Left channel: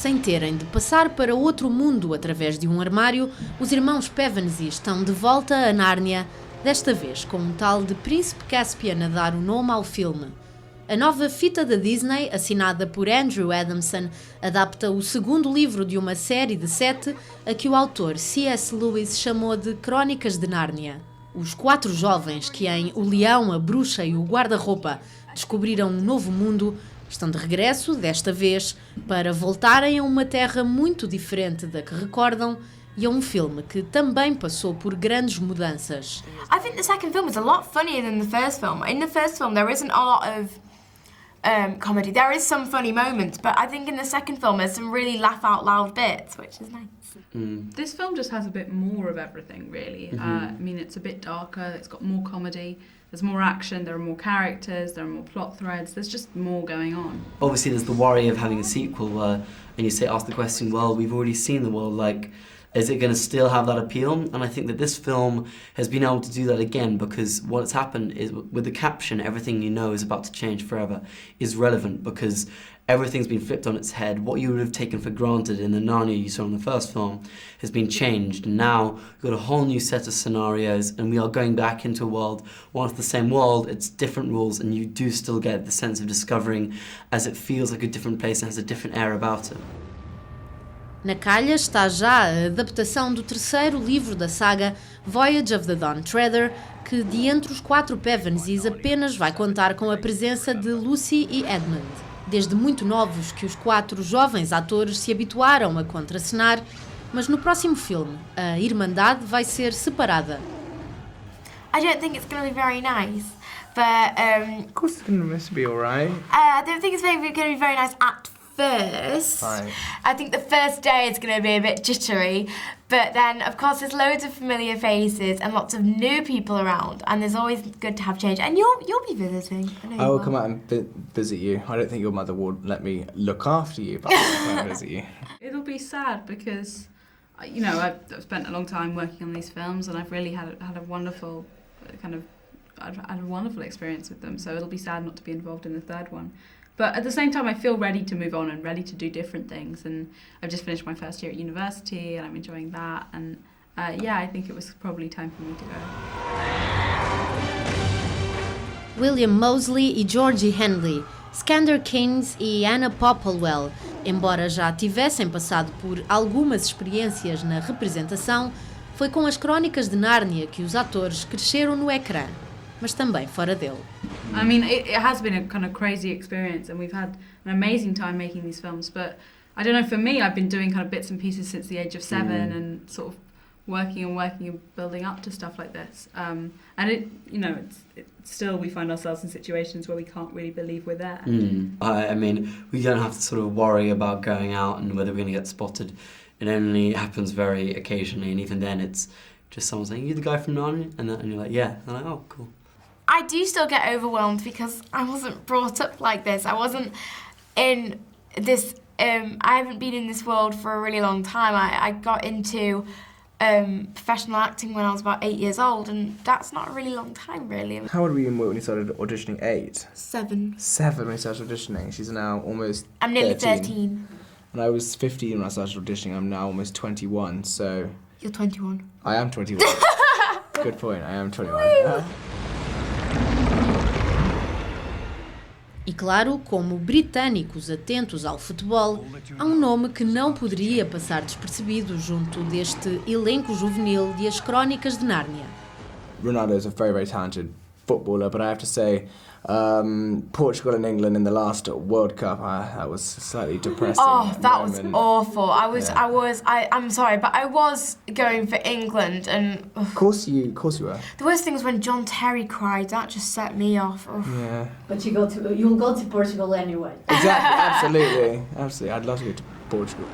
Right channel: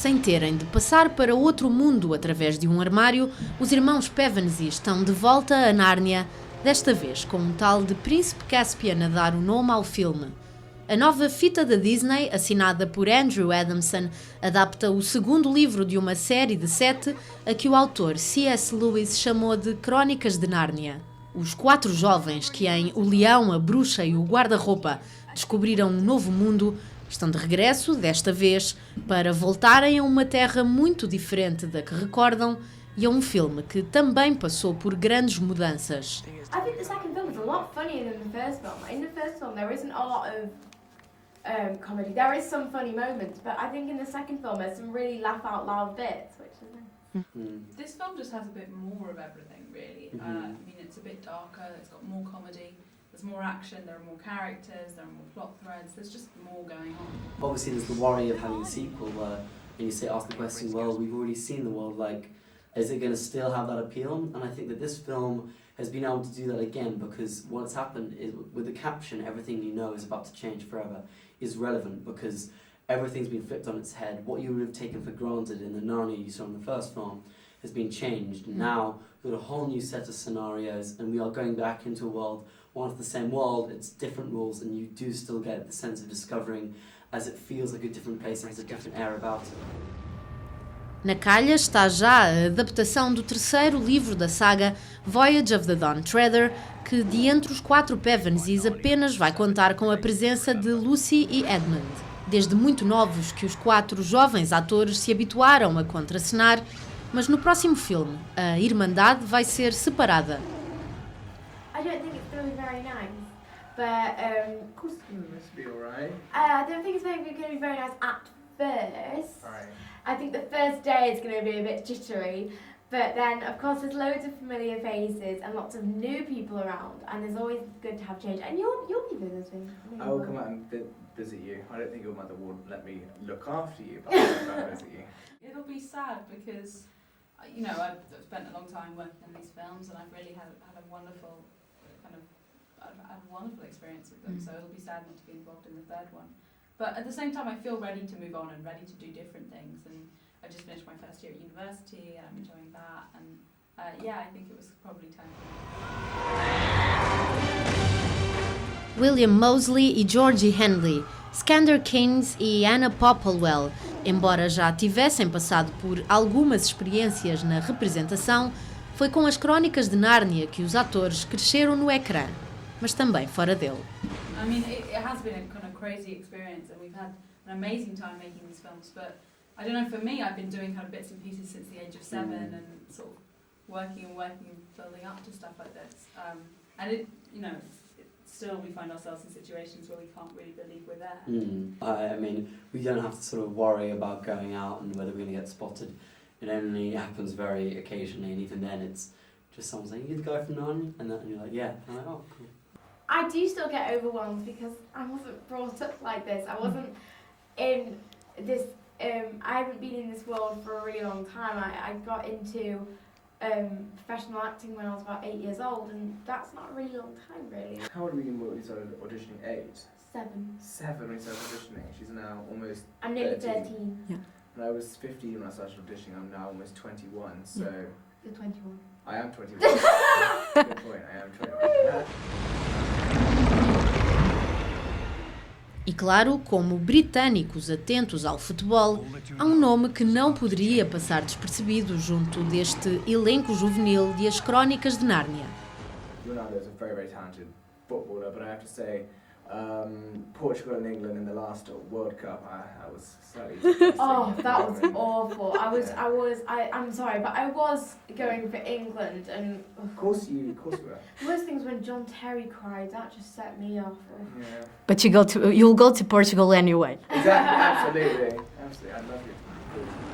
Sem terem de passar para outro mundo através de um armário, os irmãos Pevensie estão de volta a Nárnia, desta vez com um tal de Príncipe Caspian a dar o nome ao filme. A nova fita da Disney, assinada por Andrew Adamson, adapta o segundo livro de uma série de 7 a que o autor C.S. Lewis chamou de Crónicas de Nárnia. Os 4 jovens que em O Leão, a Bruxa e o Guarda-Roupa descobriram um novo mundo estão de regresso, desta vez, para voltarem a uma terra muito diferente da que recordam e a um filme que também passou por grandes mudanças. I think the second film is a lot funnier than the first film. In the first film there isn't a lot of comedy. There is some funny moments, but I think in the second film there's some really laugh out loud bits, which is nice. This film just has a bit more of everything, really. I mean, it's a bit darker, it's got more comedy, there's more action, there are more characters, there are more plot threads, there's just more going on. Obviously there's the worry of having a sequel where, and you say, ask the question, well, we've already seen the world, like, is it going to still have that appeal? And I think that this film has been able to do that again, because what's happened is with the caption, everything you know is about to change forever, is relevant because everything's been flipped on its head. What you would have taken for granted in the Narnia you saw in the first film has been changed. And now we've got a whole new set of scenarios and we are going back into a world, while it's the same world, it's different rules, and you do still get the sense of discovering as it feels like a different place and has a different air about it. Na calha está já a adaptação do terceiro livro da saga, Voyage of the Dawn Treader, que de entre os 4 Pevensies apenas vai contar com a presença de Lucy e Edmund. Desde muito novos que os 4 jovens atores se habituaram a contracenar, mas no próximo filme a Irmandade vai ser separada. I don't think it's going to be very nice, but Of course it's going to be alright. I don't think it's going to be very nice at first. Right. I think the first day it's going to be a bit jittery, but then of course there's loads of familiar faces and lots of new people around, and there's always good to have change. And you'll be visiting. I will come out and visit you. I don't think your mother will let me look after you, but I'll come and visit you. It'll be sad because, you know, I've spent a long time working on these films and I've really had a wonderful I've had a wonderful experience with them, so it'll be sad not to be involved in the third one. But at the same time, I feel ready to move on and ready to do different things. And I've just finished my first year at university and I'm enjoying that. And yeah, I think it was probably time for me to go. William Moseley e Georgie Henley, Skander Keynes e Anna Popplewell, embora já tivessem passado por algumas experiências na representação, foi com as Crónicas de Nárnia que os atores cresceram no ecrã, mas também fora dele. I mean, it has been a kind of crazy experience and we've had an amazing time making these films, but I don't know, for me, I've been doing kind of bits and pieces since the age of 7 and sort of working and building up to stuff like this. And it, you know, it's still, we find ourselves in situations where we can't really believe we're there. I mean, we don't have to sort of worry about going out and whether we're going to get spotted. It only happens very occasionally, and even then it's just someone saying, "You the guy from Narnia?" And you're like, "Yeah." And I'm like, "Oh, cool." I do still get overwhelmed because I wasn't brought up like this. I wasn't in this, I haven't been in this world for a really long time. I got into professional acting when I was about 8 years old, and that's not a really long time, really. How old were you when you started auditioning? 8? 7. 7 when you started auditioning. She's now almost I'm nearly 13. 13. And I was 15 when I started auditioning. I'm now almost 21, so... You're 21. I am 21. Good point, I am 21. E claro, como britânicos atentos ao futebol, há um nome que não poderia passar despercebido junto deste elenco juvenil de As Crónicas de Nárnia. Ronaldo is a very, very talented footballer, but I have to say, Portugal and England in the last World Cup, that was slightly depressing. Oh, that was awful. I'm sorry, but I was going for England, and Of course you were. the worst thing was when John Terry cried. That just set me off. Ugh. Yeah. But you'll go to Portugal anyway. Exactly, absolutely. I'd love to go to Portugal.